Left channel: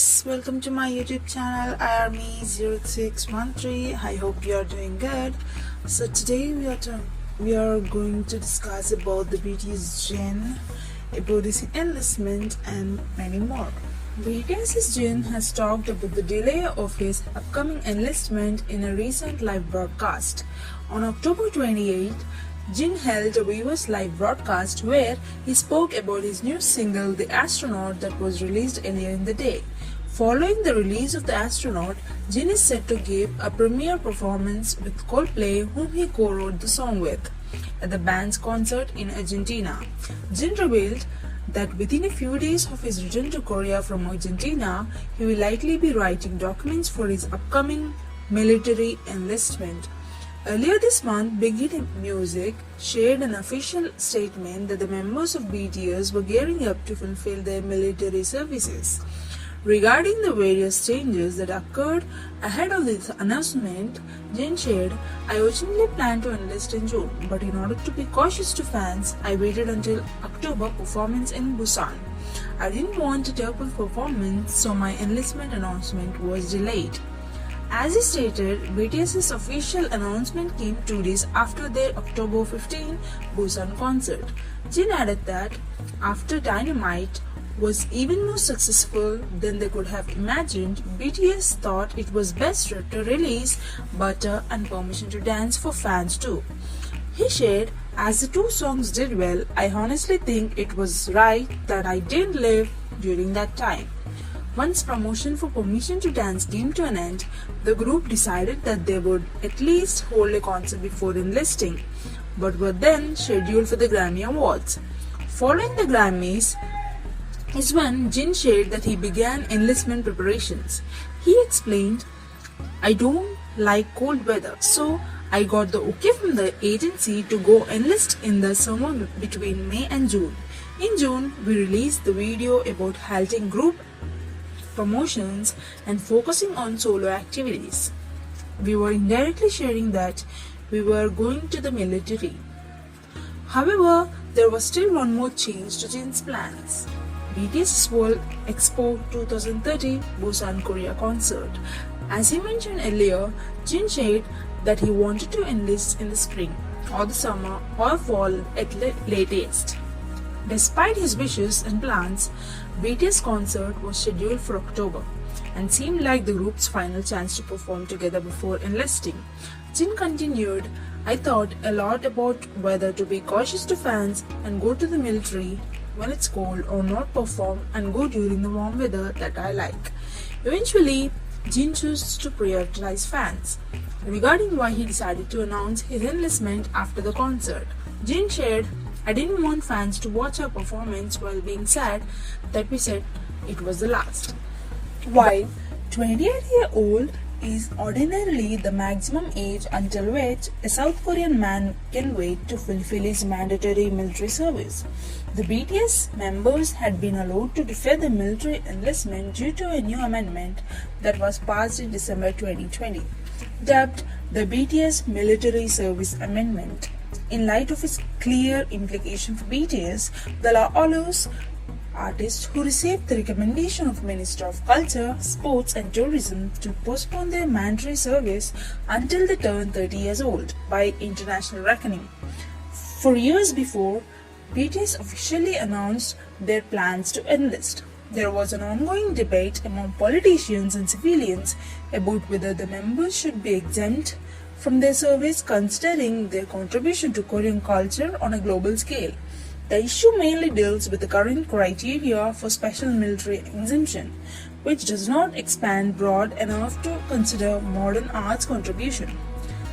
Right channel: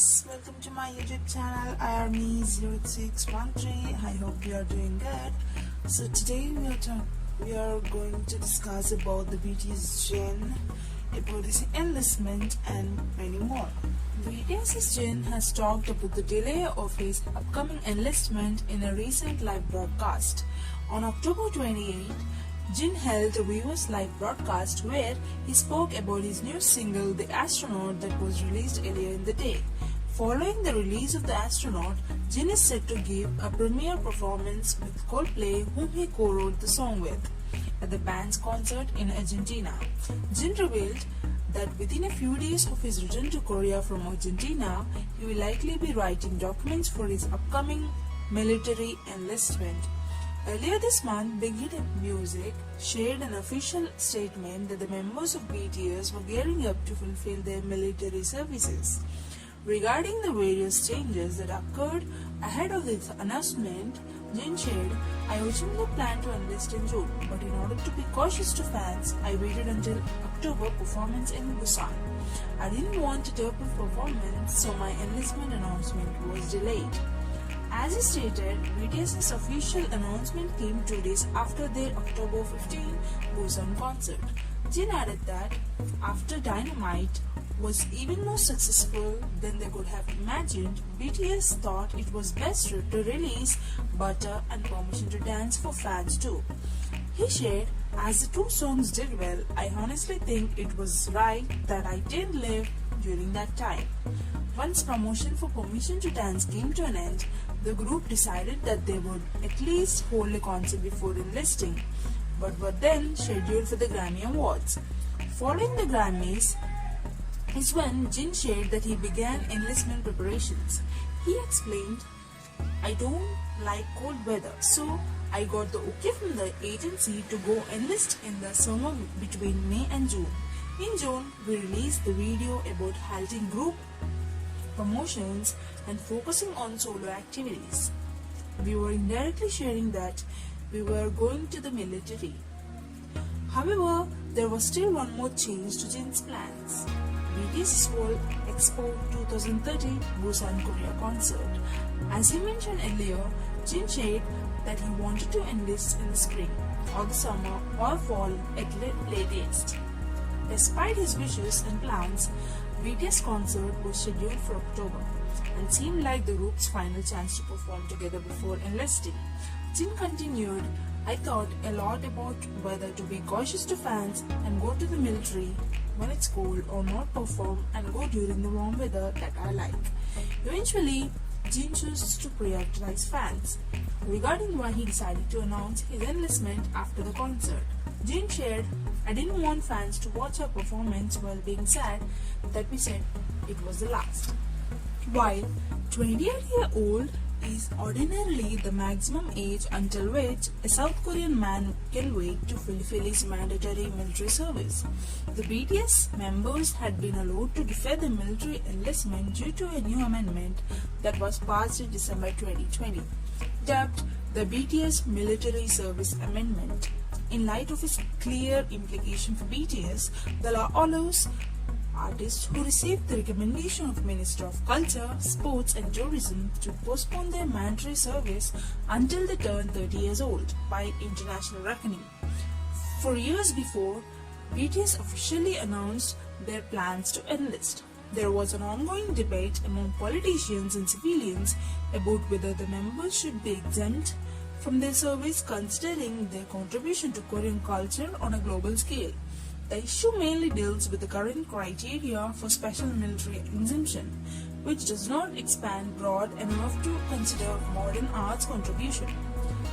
guys, welcome to my YouTube channel Army0613. I hope you are doing good. So today we are going to discuss about the BTS JIN, about his enlistment and many more. BTS JIN has talked about the delay of his upcoming enlistment in a recent live broadcast. On October 28th, Jin held a viewers live broadcast where he spoke about his new single The Astronaut that was released earlier in the day. Following the release of The Astronaut, Jin is set to give a premiere performance with Coldplay, whom he co-wrote the song with, at the band's concert in Argentina. Jin revealed that within a few days of his return to Korea from Argentina, he will likely be writing documents for his upcoming military enlistment. Earlier this month, Big Hit Music shared an official statement that the members of BTS were gearing up to fulfill their military services. Regarding the various changes that occurred ahead of this announcement, Jin shared, "I originally planned to enlist in June, but in order to be cautious to fans, I waited until October performance in Busan. I didn't want a terrible performance, so my enlistment announcement was delayed." As he stated, BTS's official announcement came 2 days after their October 15 Busan concert. Jin added that after Dynamite was even more successful than they could have imagined, BTS thought it was best to release Butter and Permission to Dance for fans too. He shared, "As the two songs did well, I honestly think it was right that I didn't live during that time." Once promotion for Permission to Dance came to an end, the group decided that they would at least hold a concert before enlisting, but were then scheduled for the Grammy Awards. Following the Grammys is when Jin shared that he began enlistment preparations. He explained, "I don't like cold weather, so I got the okay from the agency to go enlist in the summer between May and June. In June, we released the video about halting group promotions and focusing on solo activities. We were indirectly sharing that we were going to the military." However, there was still one more change to Jin's plans. BTS World Expo 2030 Busan Korea concert. As he mentioned earlier, Jin shared that he wanted to enlist in the spring or the summer or fall at latest. Despite his wishes and plans, BTS concert was scheduled for October and seemed like the group's final chance to perform together before enlisting. Jin continued, "I thought a lot about whether to be cautious to fans and go to the military when it's cold or not perform and go during the warm weather that I like." Eventually, Jin chose to prioritize fans. Regarding why he decided to announce his enlistment after the concert, Jin shared, "I didn't want fans to watch our performance while being sad that we said it was the last." While 28-year-old is ordinarily the maximum age until which a South Korean man can wait to fulfill his mandatory military service, the BTS members had been allowed to defer the military enlistment due to a new amendment that was passed in December 2020, dubbed the BTS Military Service Amendment. In light of its clear implication for BTS, the law allows artists who received the recommendation of Minister of Culture, Sports and Tourism to postpone their mandatory service until they turn 30 years old by international reckoning. For years before BTS officially announced their plans to enlist, there was an ongoing debate among politicians and civilians about whether the members should be exempt from their service considering their contribution to Korean culture on a global scale. The issue mainly deals with the current criteria for special military exemption, which does not expand broad enough to consider modern arts contribution.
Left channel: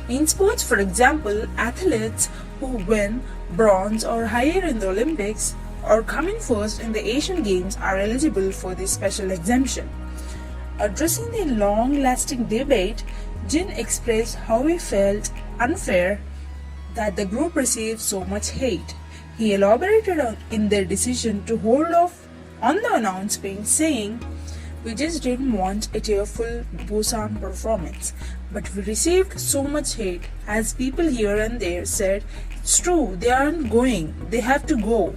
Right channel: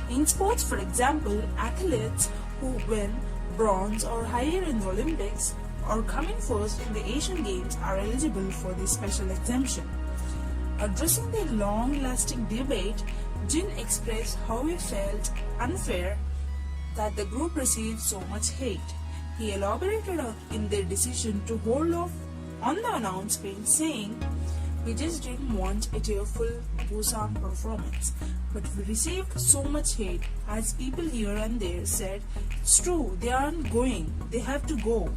In sports, for example, athletes who win bronze or higher in the Olympics or come in first in the Asian Games are eligible for this special exemption. Addressing the long-lasting debate, Jin expressed how he felt unfair that the group received so much hate. He elaborated in their decision to hold off on the announcement, saying, "We just didn't want a tearful Busan performance, but we received so much hate as people here and there said, 'It's true, they aren't going, they have to go.'"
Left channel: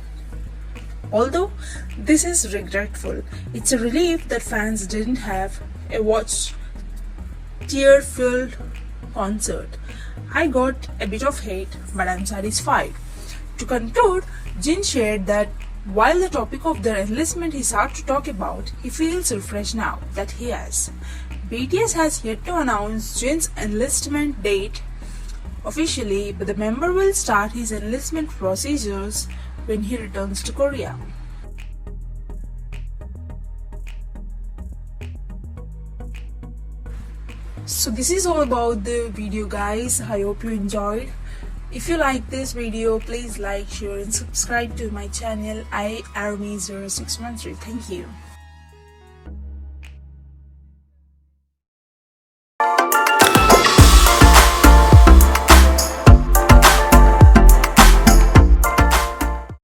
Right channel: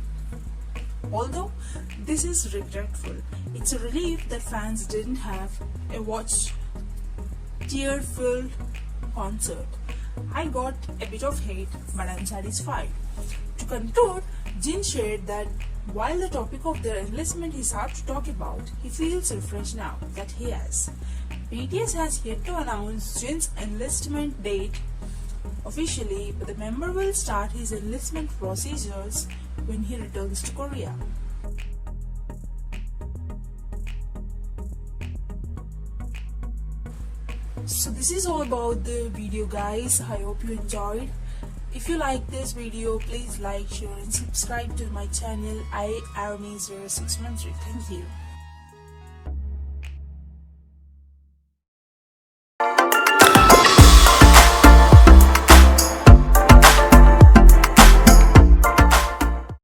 Although this is regretful, it's a relief that fans didn't have a watch tear-filled concert. I got a bit of hate, but I'm satisfied. To conclude, Jin shared that while the topic of their enlistment is hard to talk about, he feels refreshed now that he has. BTS has yet to announce Jin's enlistment date officially, but the member will start his enlistment procedures when he returns to Korea. So this is all about the video, guys. I hope you enjoyed. If you like this video, please like, share and subscribe to my channel. I Army 0613. Thank you.